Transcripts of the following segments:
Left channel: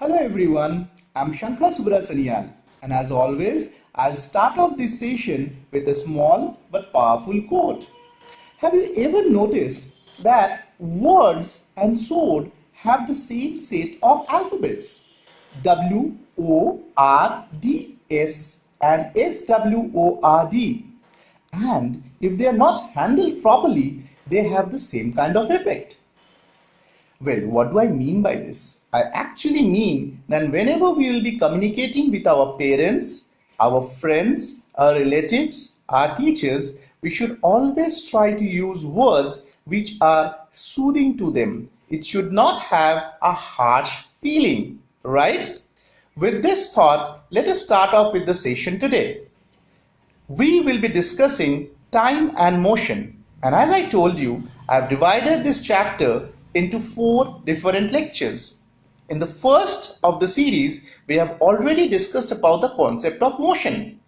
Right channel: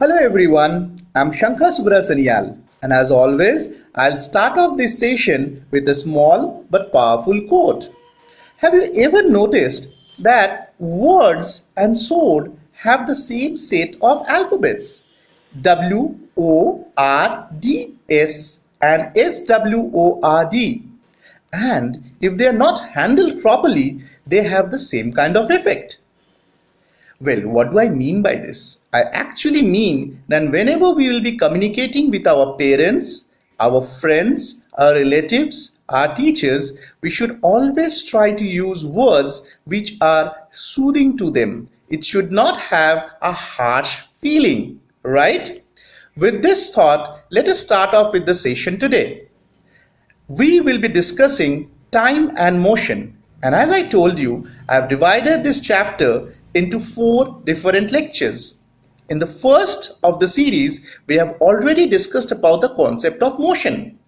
Hello everyone, I'm Shankar Subrasanial, and as always, I'll start off this session with a small but powerful quote. Have you ever noticed that words and sword have the same set of alphabets? WORDS and SWORD. And if they are not handled properly, they have the same kind of effect. Well, what do I mean by this? I actually mean that whenever we will be communicating with our parents, our friends, our relatives, our teachers, we should always try to use words which are soothing to them. It should not have a harsh feeling, right? With this thought, let us start off with the session today. We will be discussing time and motion. And as I told you, I have divided this chapter into 4 different lectures. In the first of the series, we have already discussed about the concept of motion.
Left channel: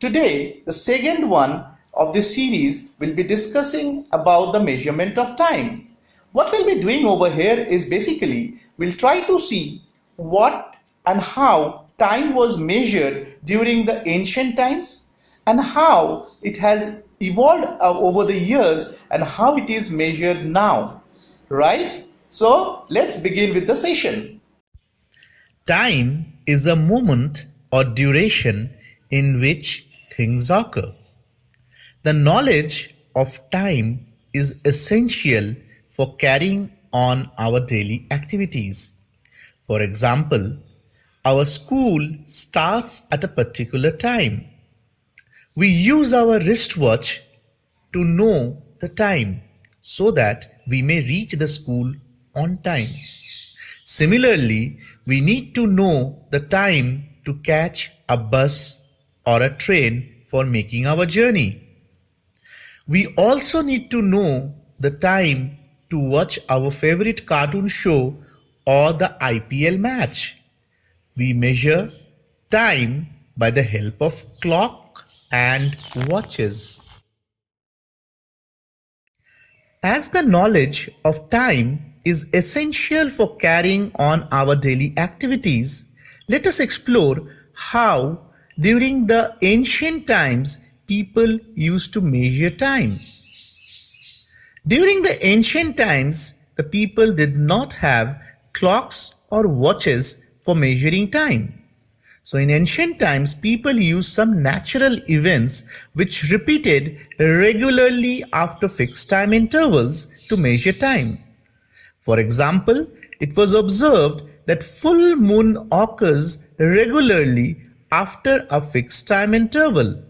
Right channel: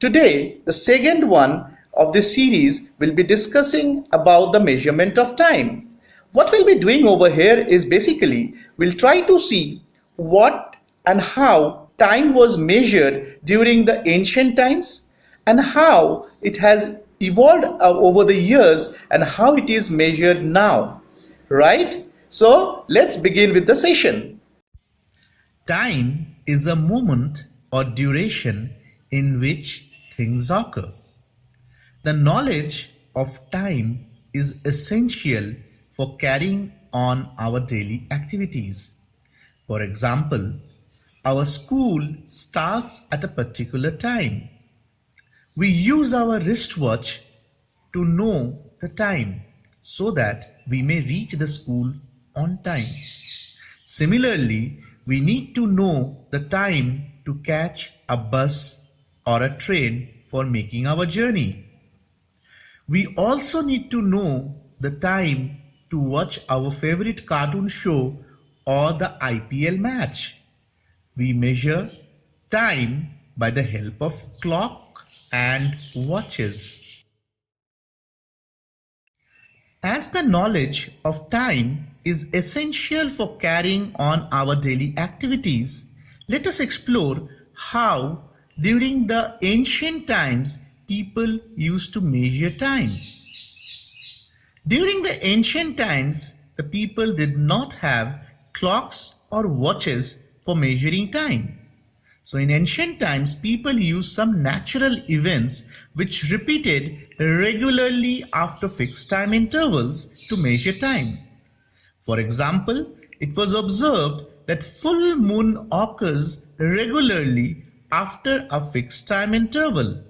Today, the second one of this series will be discussing about the measurement of time. What we'll be doing over here is basically, we'll try to see what and how time was measured during the ancient times and how it has evolved over the years and how it is measured now, right? So let's begin with the session. Time is a moment or duration in which things occur. The knowledge of time is essential for carrying on our daily activities. For example, our school starts at a particular time. We use our wristwatch to know the time so that we may reach the school on time. Similarly, we need to know the time to catch a bus or a train for making our journey. We also need to know the time to watch our favorite cartoon show or the IPL match. We measure time by the help of clock and watches. As the knowledge of time is essential for carrying on our daily activities, let us explore how during the ancient times people used to measure time. During the ancient times, the people did not have clocks or watches for measuring time. So in ancient times, people used some natural events which repeated regularly after fixed time intervals to measure time. For example, it was observed that full moon occurs regularly after a fixed time interval.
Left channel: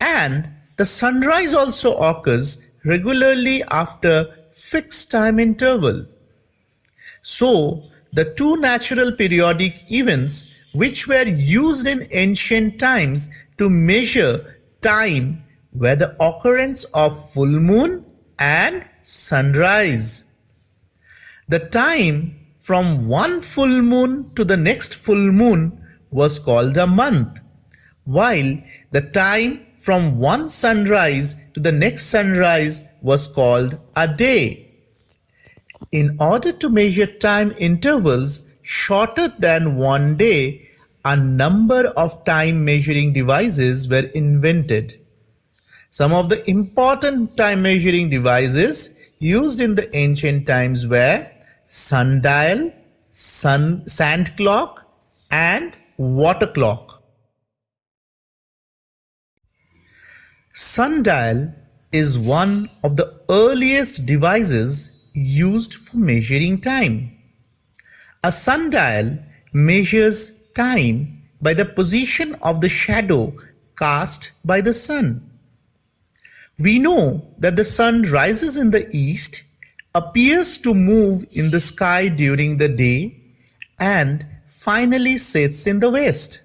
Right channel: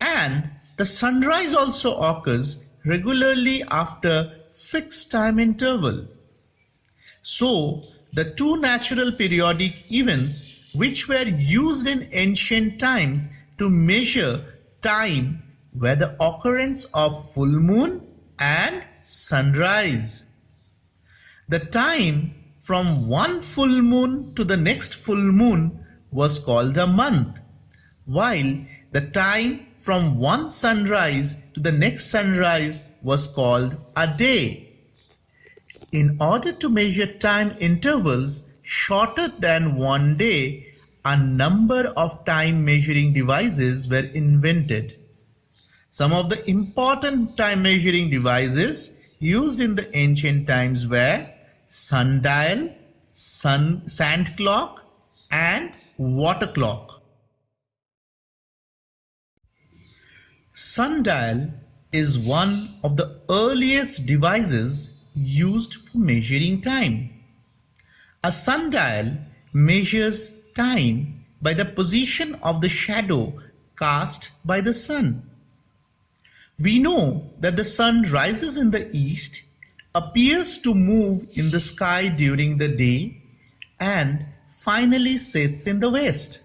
And the sunrise also occurs regularly after fixed time interval. So, the two natural periodic events which were used in ancient times to measure time were the occurrence of full moon and sunrise. The time from one full moon to the next full moon was called a month, while the time from one sunrise to the next sunrise was called a day. In order to measure time intervals shorter than one day, a number of time measuring devices were invented. Some of the important time measuring devices used in the ancient times were sundial, sand clock, and water clock. Sundial is one of the earliest devices used for measuring time. A sundial measures time by the position of the shadow cast by the sun. We know that the sun rises in the east, appears to move in the sky during the day, and finally sets in the west.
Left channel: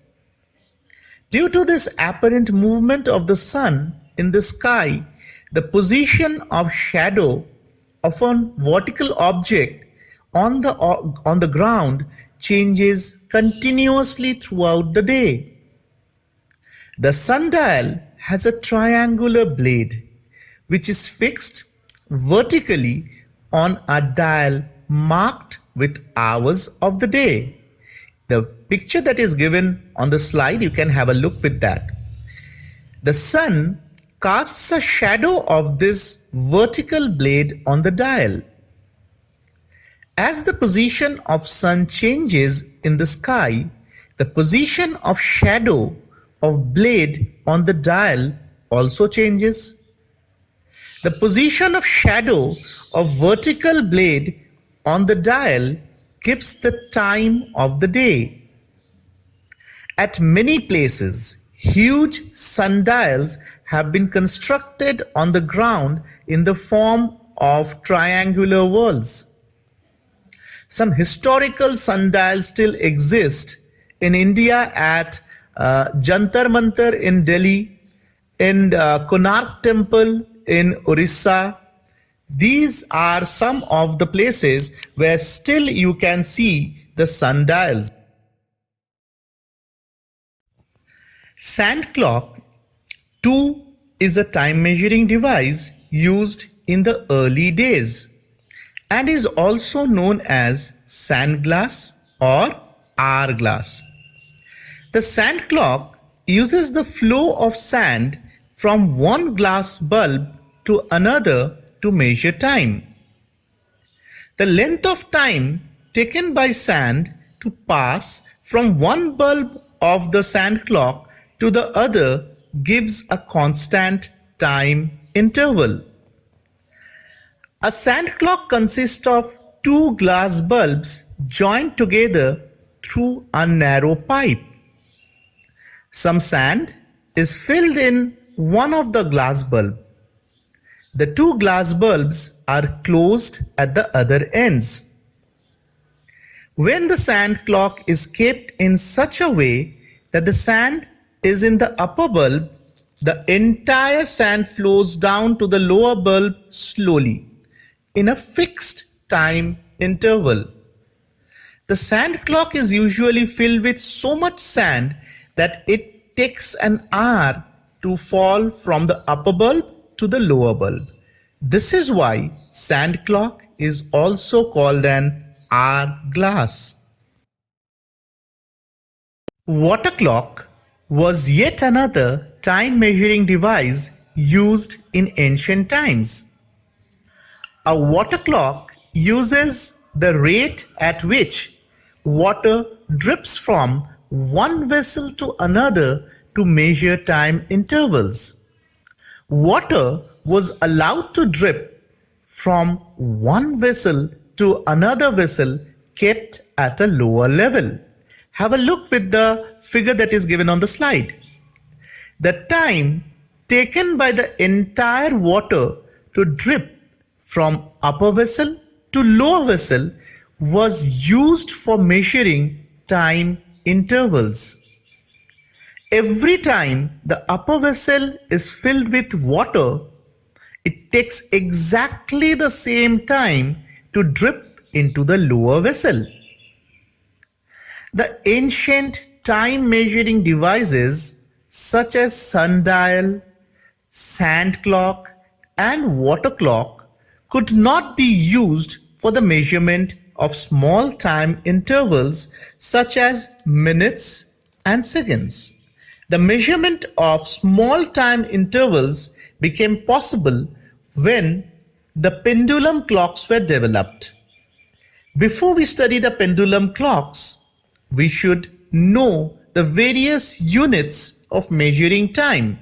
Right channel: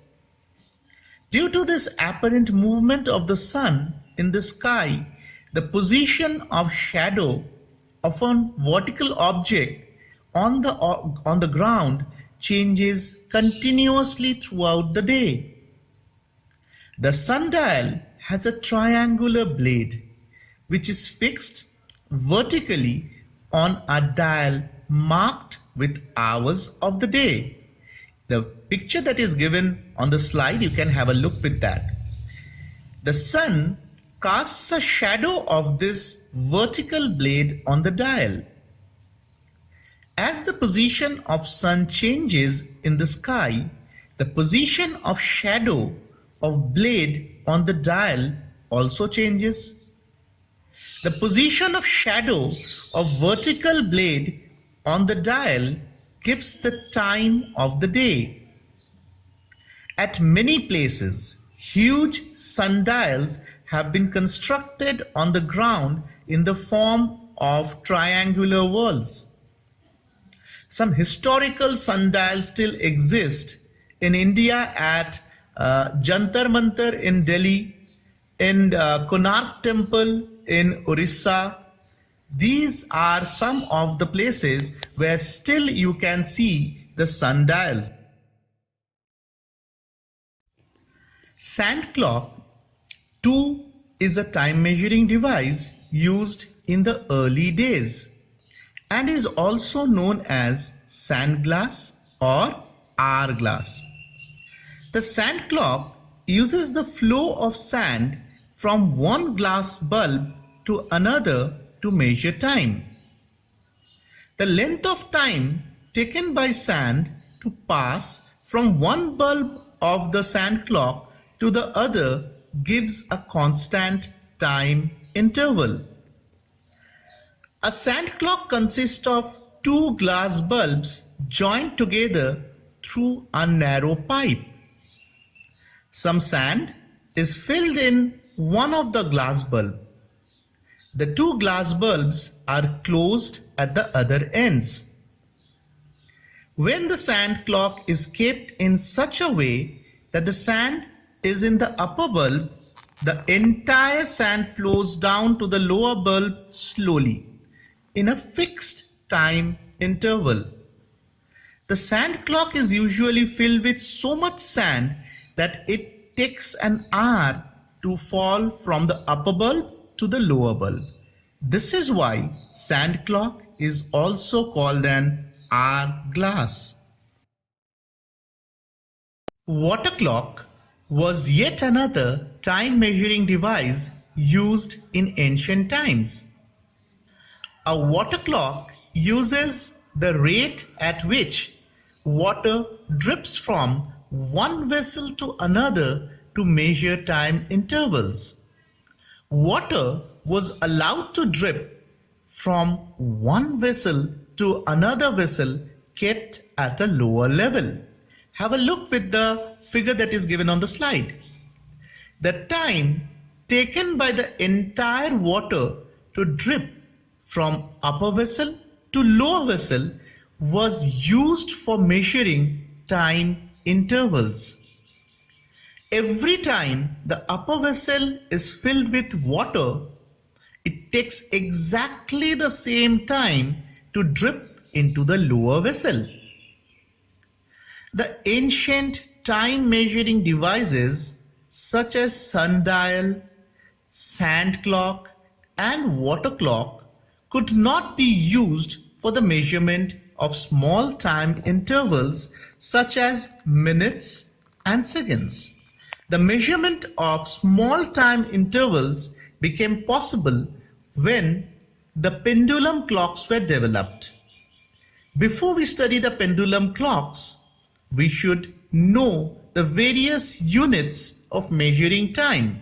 Due to this apparent movement of the sun in the sky, the position of shadow of a vertical object on the ground changes continuously throughout the day. The sundial has a triangular blade which is fixed vertically on a dial marked with hours of the day. The picture that is given on the slide, you can have a look with that. The sun casts a shadow of this vertical blade on the dial. As the position of sun changes in the sky, the position of shadow of blade on the dial also changes. The position of shadow of vertical blade on the dial gives the time of the day. At many places, huge sundials have been constructed on the ground in the form of triangular whorls. Some historical sundials still exist in India at Jantar Mantar in Delhi, in Konark Temple in Orissa. These are some of the places where still you can see the sundials. Sand clock too is a time measuring device used in the early days and is also known as sand glass or hourglass. The sand clock uses the flow of sand from one glass bulb to another to measure time. The length of time taken by sand to pass from one bulb of the sand clock to the other gives a constant time interval. A sand clock consists of two glass bulbs joined together through a narrow pipe. Some sand is filled in one of the glass bulbs. The two glass bulbs are closed at the other ends. When the sand clock is kept in such a way that the sand is in the upper bulb, the entire sand flows down to the lower bulb slowly in a fixed time interval. The sand clock is usually filled with so much sand that it takes an hour to fall from the upper bulb to the lower bulb. This is why sand clock is also called an hourglass. Water clock was yet another time measuring device used in ancient times. A water clock uses the rate at which water drips from one vessel to another to measure time intervals. Water was allowed to drip from one vessel to another vessel kept at a lower level. Have a look with the figure that is given on the slide. The time taken by the entire water to drip from upper vessel to lower vessel was used for measuring time intervals. Every time the upper vessel is filled with water, it takes exactly the same time to drip into the lower vessel. The ancient time measuring devices such as sundial, sand clock, and water clock could not be used for the measurement of small time intervals such as minutes and seconds. The measurement of small time intervals became possible when the pendulum clocks were developed. Before we study the pendulum clocks, we should know the various units of measuring time.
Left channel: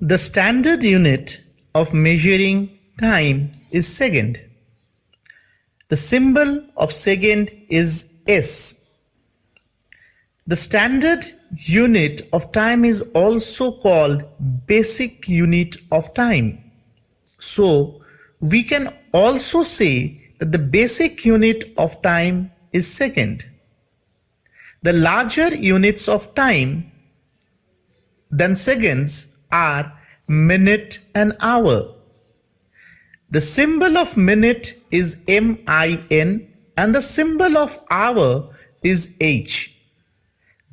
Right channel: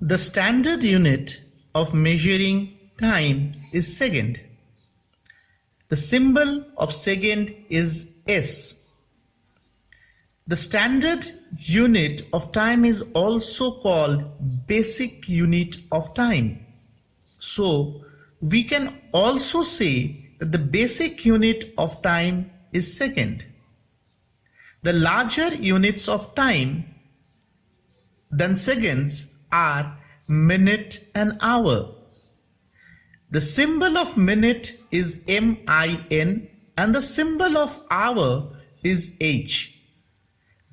The standard unit of measuring time is second. The symbol of second is S. The standard unit of time is also called basic unit of time. So we can also say that the basic unit of time is second. The larger units of time than seconds are minute and hour. The symbol of minute is MIN and the symbol of hour is H.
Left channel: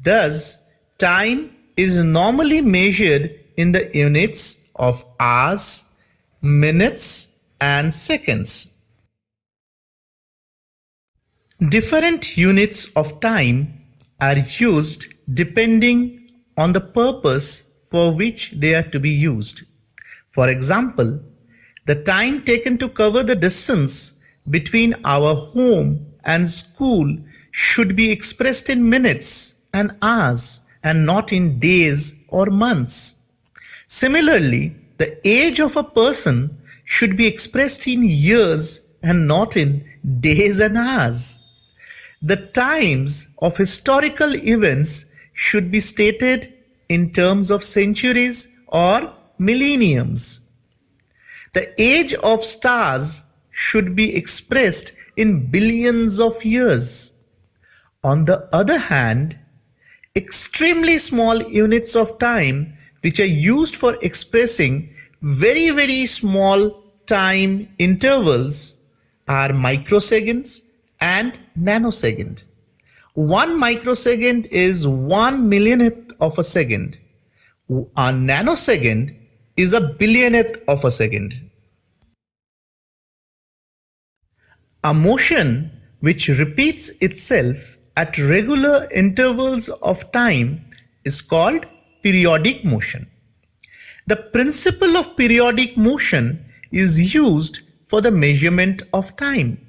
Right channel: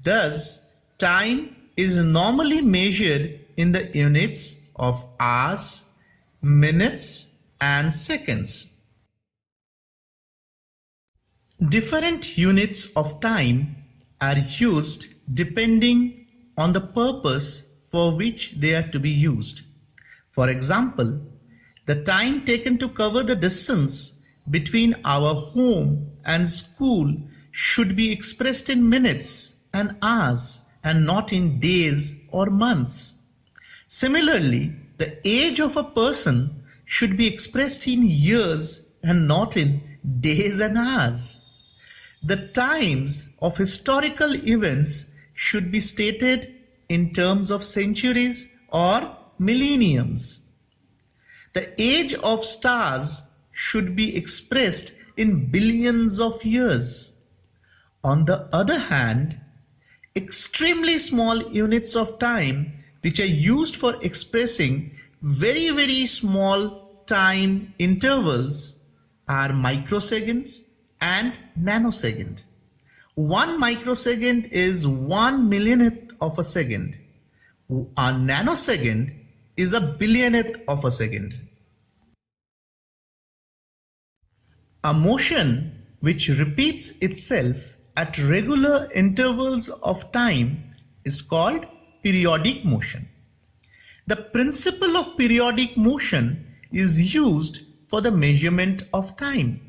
Thus, time is normally measured in the units of hours, minutes, and seconds. Different units of time are used depending on the purpose for which they are to be used. For example, the time taken to cover the distance between our home and school should be expressed in minutes and hours and not in days or months. Similarly, the age of a person should be expressed in years and not in days and hours. The times of historical events should be stated in terms of centuries or millenniums. The age of stars should be expressed in billions of years. On the other hand, extremely small units of time which are used for expressing very small time intervals are microseconds and nanosecond. 1 microsecond is 1 millionth of a second. A nanosecond is a billionth of a second. A motion which repeats itself at regular intervals of time is called periodic motion. The principle of periodic motion is used for the measurement of time.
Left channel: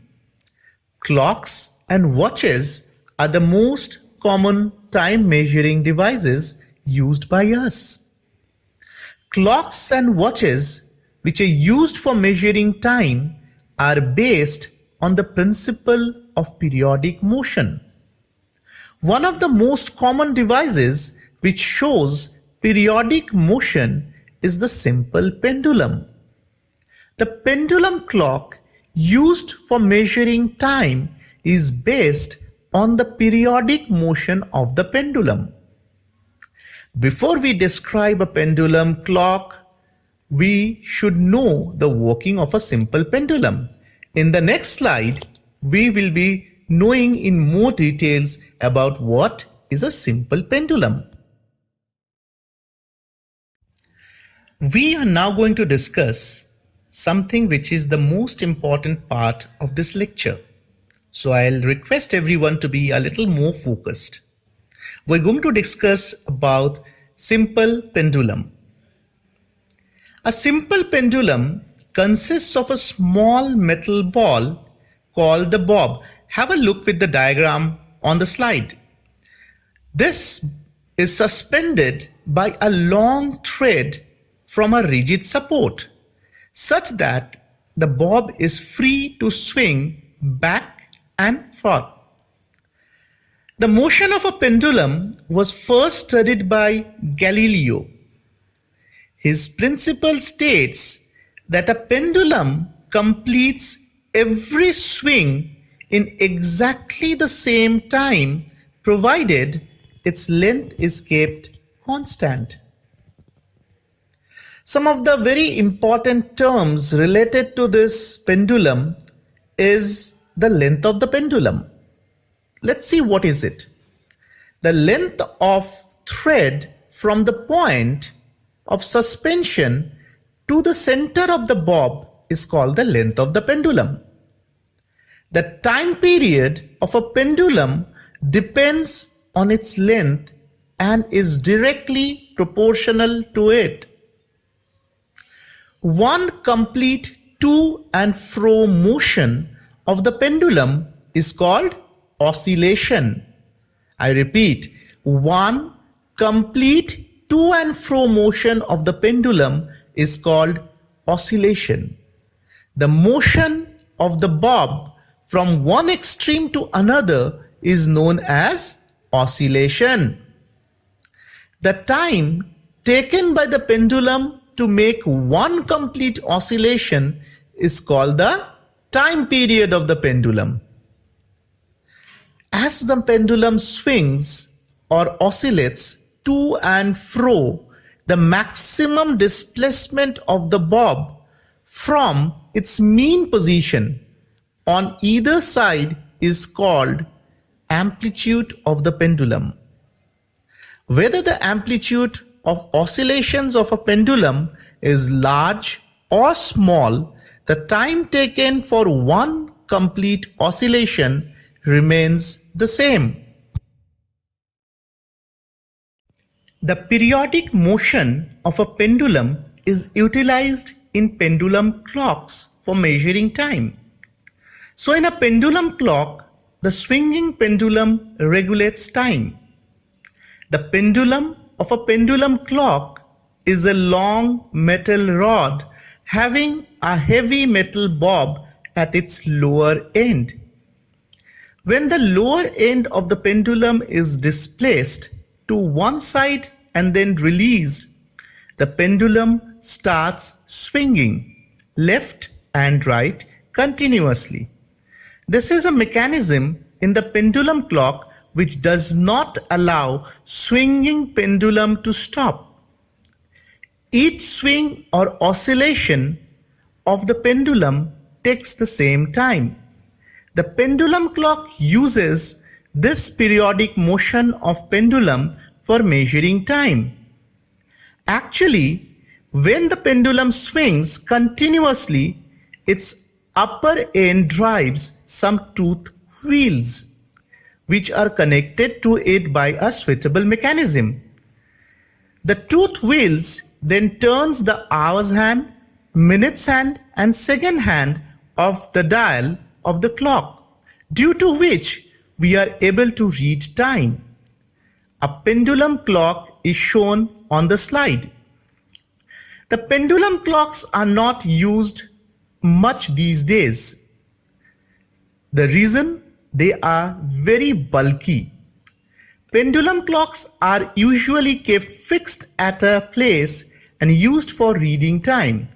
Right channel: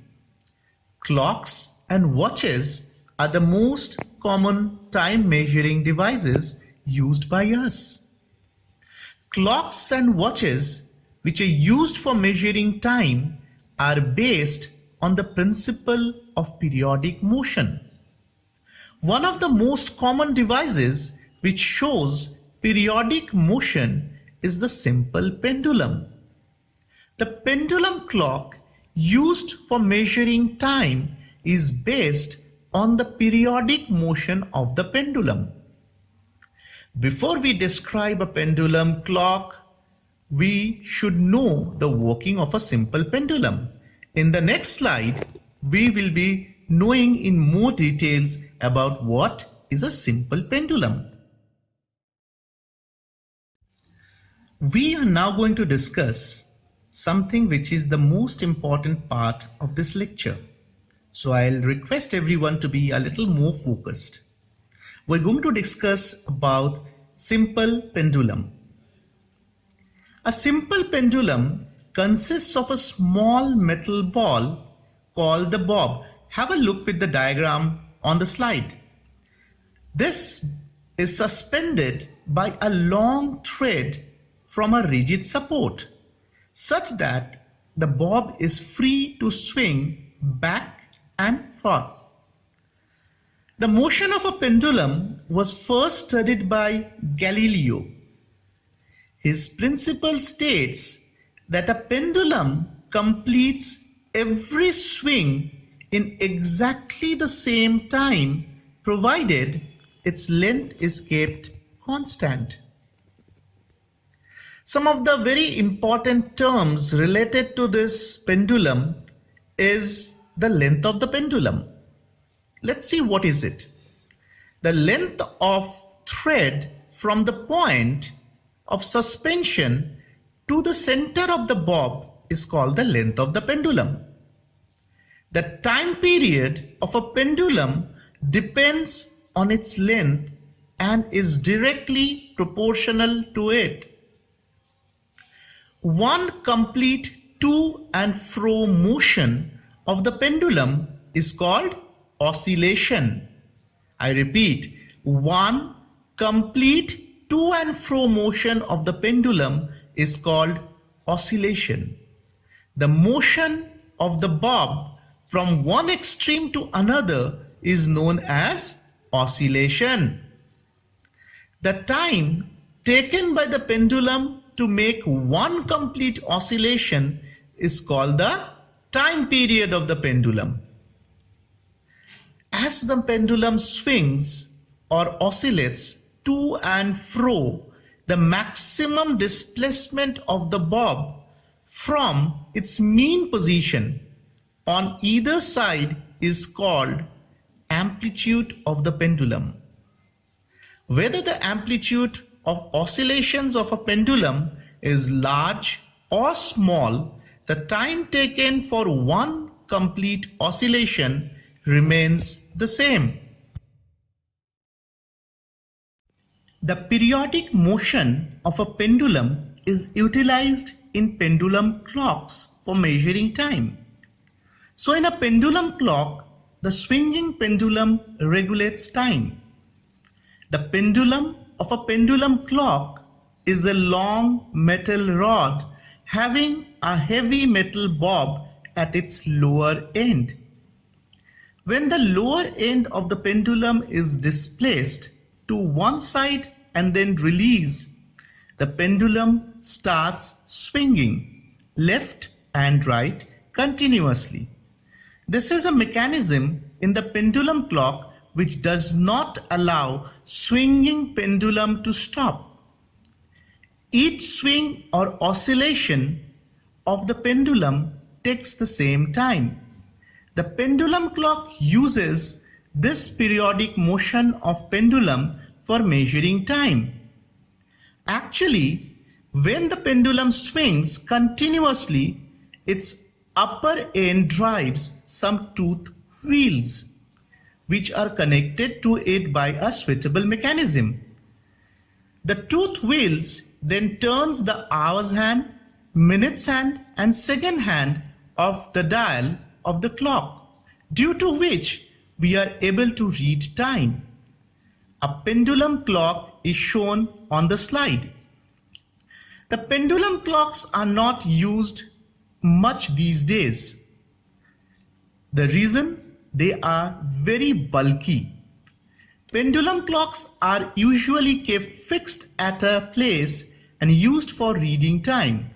Clocks and watches are the most common time measuring devices used by us. Clocks and watches which are used for measuring time are based on the principle of periodic motion. One of the most common devices which shows periodic motion is the simple pendulum. The pendulum clock used for measuring time is based on the periodic motion of the pendulum. Before we describe a pendulum clock, we should know the working of a simple pendulum. In the next slide, we will be knowing in more details about what is a simple pendulum. We are now going to discuss something which is the most important part of this lecture. So I'll request everyone to be a little more focused. We're going to discuss about simple pendulum. A simple pendulum consists of a small metal ball called the bob. Have a look with the diagram on the slide. This is suspended by a long thread from a rigid support, such that the bob is free to swing back and forth. The motion of a pendulum was first studied by Galileo. His principle states that a pendulum completes every swing in exactly the same time, provided its length is kept constant. Some of the very important terms related to this pendulum is the length of the pendulum. Let's see what is it. The length of thread from the point of suspension to the center of the bob is called the length of the pendulum. The time period of a pendulum depends on its length and is directly proportional to it. One complete to and fro motion of the pendulum is called oscillation. I repeat, one complete to and fro motion of the pendulum is called oscillation. The motion of the bob from one extreme to another is known as oscillation. The time taken by the pendulum to make one complete oscillation is called the time period of the pendulum. As the pendulum swings or oscillates to and fro, the maximum displacement of the bob from its mean position on either side is called amplitude of the pendulum. Whether the amplitude of oscillations of a pendulum is large or small, the time taken for one complete oscillation remains the same. The periodic motion of a pendulum is utilized in pendulum clocks for measuring time. So in a pendulum clock, the swinging pendulum regulates time. The pendulum of a pendulum clock is a long metal rod having a heavy metal bob at its lower end. When the lower end of the pendulum is displaced to one side and then released, the pendulum starts swinging left and right continuously. This is a mechanism in the pendulum clock which does not allow swinging pendulum to stop. Each swing or oscillation of the pendulum takes the same time. The pendulum clock uses this periodic motion of pendulum for measuring time. Actually, when the pendulum swings continuously, its upper end drives some tooth wheels, which are connected to it by a switchable mechanism. The tooth wheels then turns the hours hand, minutes hand and second hand of the dial of the clock, due to which we are able to read time. A pendulum clock is shown on the slide. The pendulum clocks are not used much these days. The reason, they are very bulky. Pendulum clocks are usually kept fixed at a place and used for reading time.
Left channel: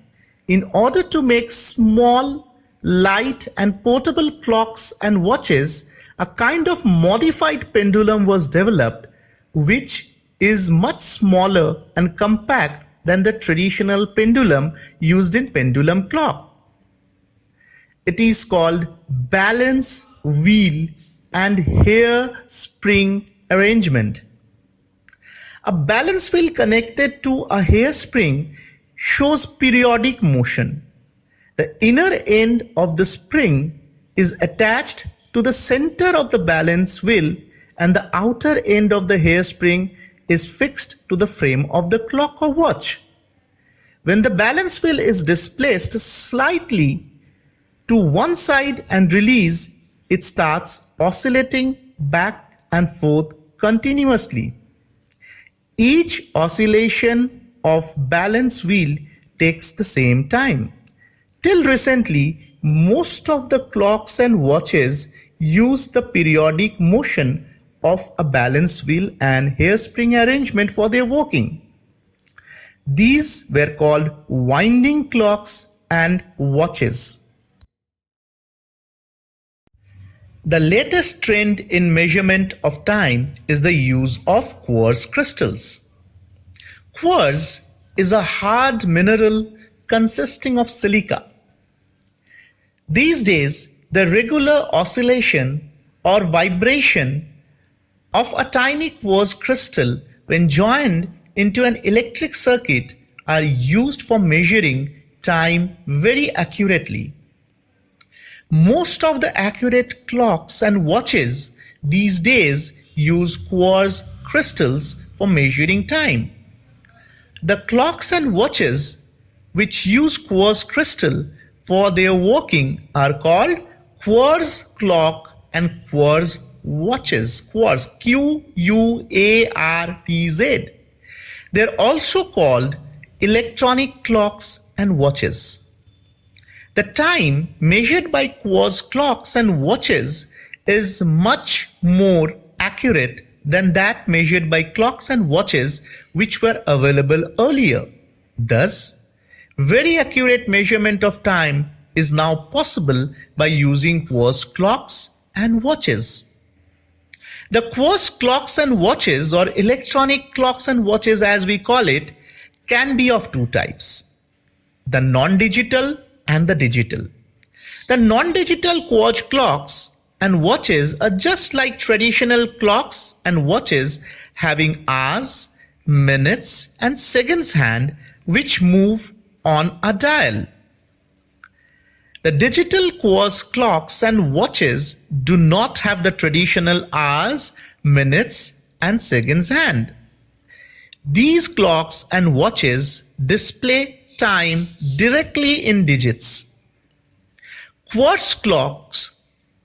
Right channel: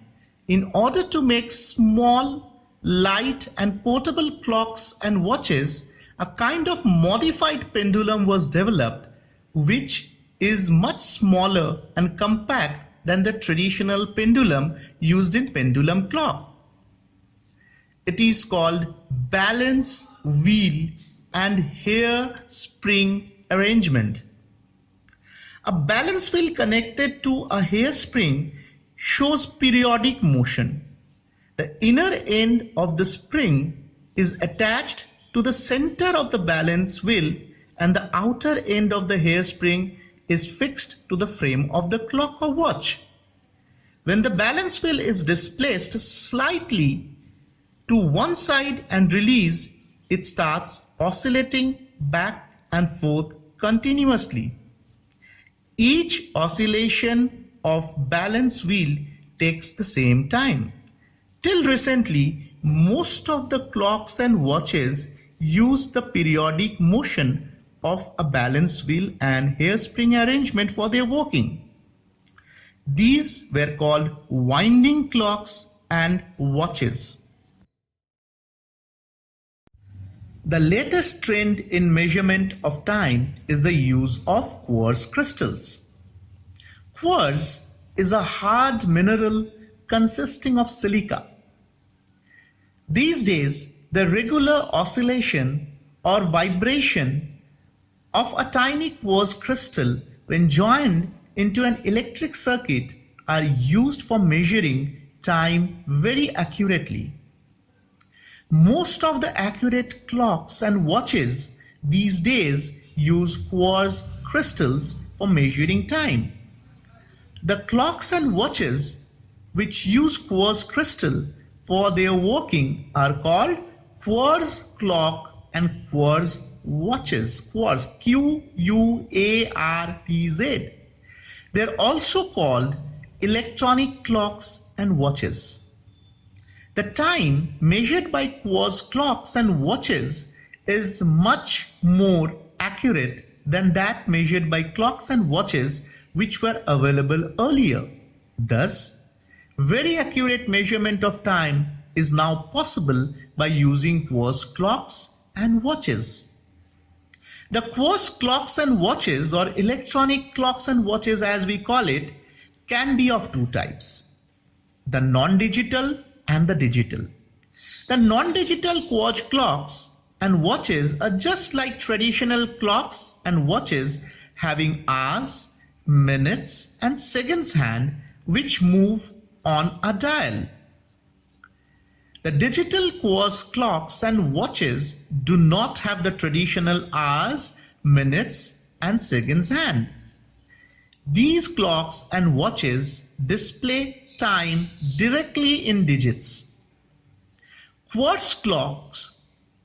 In order to make small, light and portable clocks and watches, a kind of modified pendulum was developed which is much smaller and compact than the traditional pendulum used in pendulum clock. It is called balance wheel and hair spring arrangement. A balance wheel connected to a hairspring shows periodic motion. The inner end of the spring is attached to the center of the balance wheel and the outer end of the hairspring is fixed to the frame of the clock or watch. When the balance wheel is displaced slightly to one side and released, it starts oscillating back and forth continuously. Each oscillation of balance wheel takes the same time. Till recently, most of the clocks and watches use the periodic motion of a balance wheel and hairspring arrangement for their working. These were called winding clocks and watches. The latest trend in measurement of time is the use of quartz crystals. Quartz is a hard mineral consisting of silica. These days, the regular oscillation or vibration of a tiny quartz crystal when joined into an electric circuit are used for measuring time very accurately. Most of the accurate clocks and watches these days use quartz crystals for measuring time. The clocks and watches which use quartz crystal for their working are called quartz clock and quartz watches. Quartz, Q-U-A-R-T-Z. They're also called electronic clocks and watches. The time measured by quartz clocks and watches is much more accurate than that measured by clocks and watches which were available earlier. Thus, very accurate measurement of time is now possible by using quartz clocks and watches. The quartz clocks and watches, or electronic clocks and watches as we call it, can be of two types: the non-digital and the digital. The non-digital quartz clocks and watches are just like traditional clocks and watches, having hours, minutes and seconds hand which move on a dial. The digital quartz clocks and watches do not have the traditional hours, minutes, and seconds hand. These clocks and watches display time directly in digits. Quartz clocks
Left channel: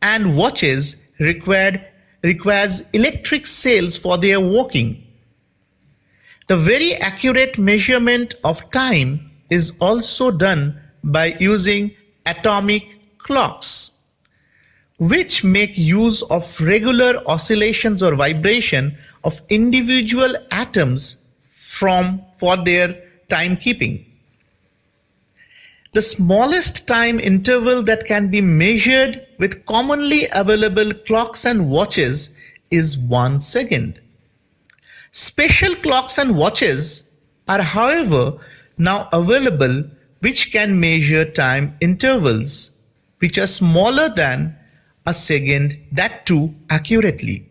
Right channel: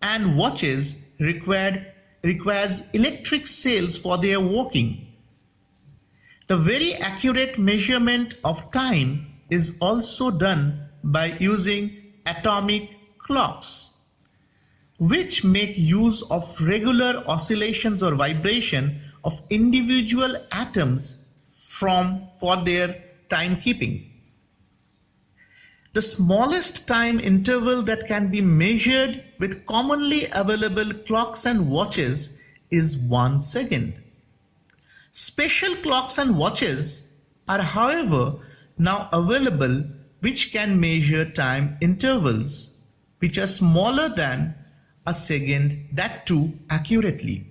and watches requires electric cells for their working. The very accurate measurement of time is also done by using atomic clocks, which make use of regular oscillations or vibration of individual atoms for their timekeeping. The smallest time interval that can be measured with commonly available clocks and watches is 1 second. Special clocks and watches are, however, now available which can measure time intervals which are smaller than a second, that too accurately.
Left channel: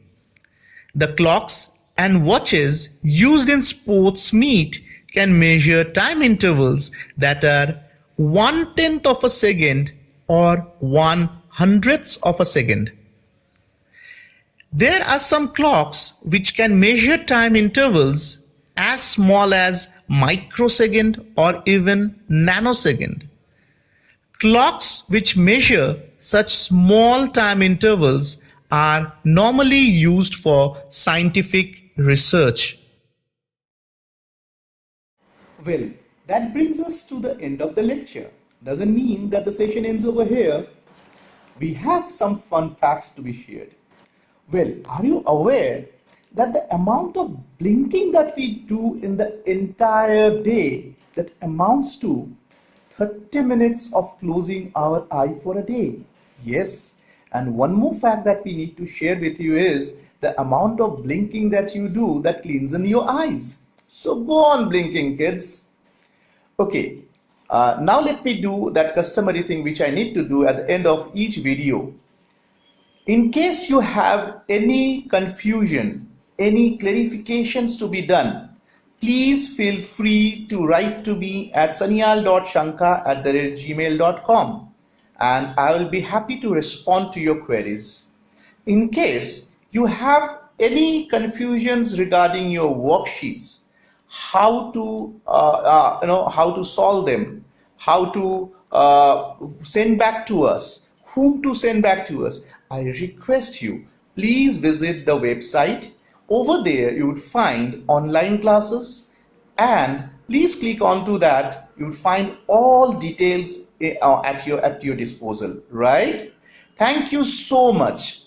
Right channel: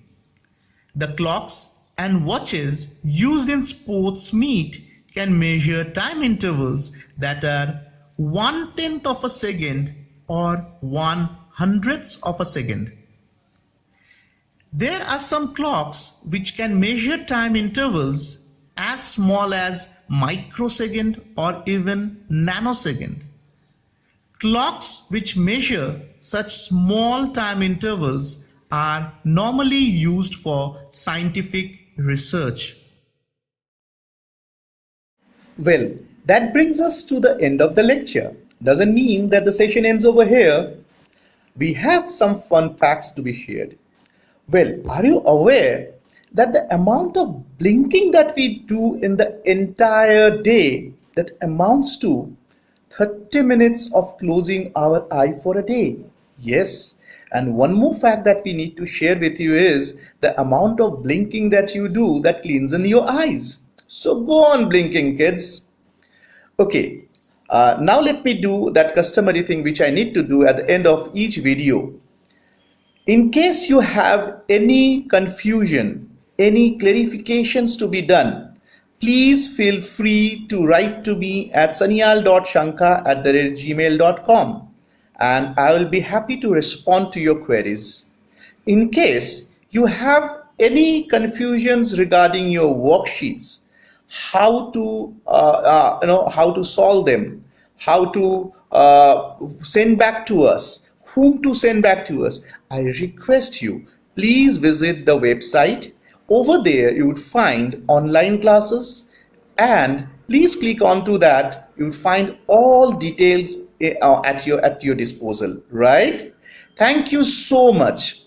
The clocks and watches used in sports meet can measure time intervals that are 1/10 of a second or 1/100th of a second. There are some clocks which can measure time intervals as small as microsecond or even nanosecond. Clocks which measure such small time intervals are normally used for scientific research. Well, that brings us to the end of the lecture. Doesn't mean that the session ends over here. We have some fun facts to be shared. Well, are you aware that the amount of blinking that we do in the entire day that amounts to 30 minutes of closing our eye for a day? Yes. And one more fact that we need to share with you is the amount of blinking that you do that cleans in your eyes. So go on blinking, kids. Okay, now let me do that customary thing which I need to do at the end of each video. In case you have any confusion, any clarifications to be done, please feel free to write to me at sanyal.shankar@gmail.com and I will be happy to respond to your queries. In case you have any confusions regarding your worksheets, how to solve them, how to send back to us, whom to send back to us, I request you, please visit the website. Over there you would find online classes and please click onto that. You would find all details at your disposal, right? Thank you so much.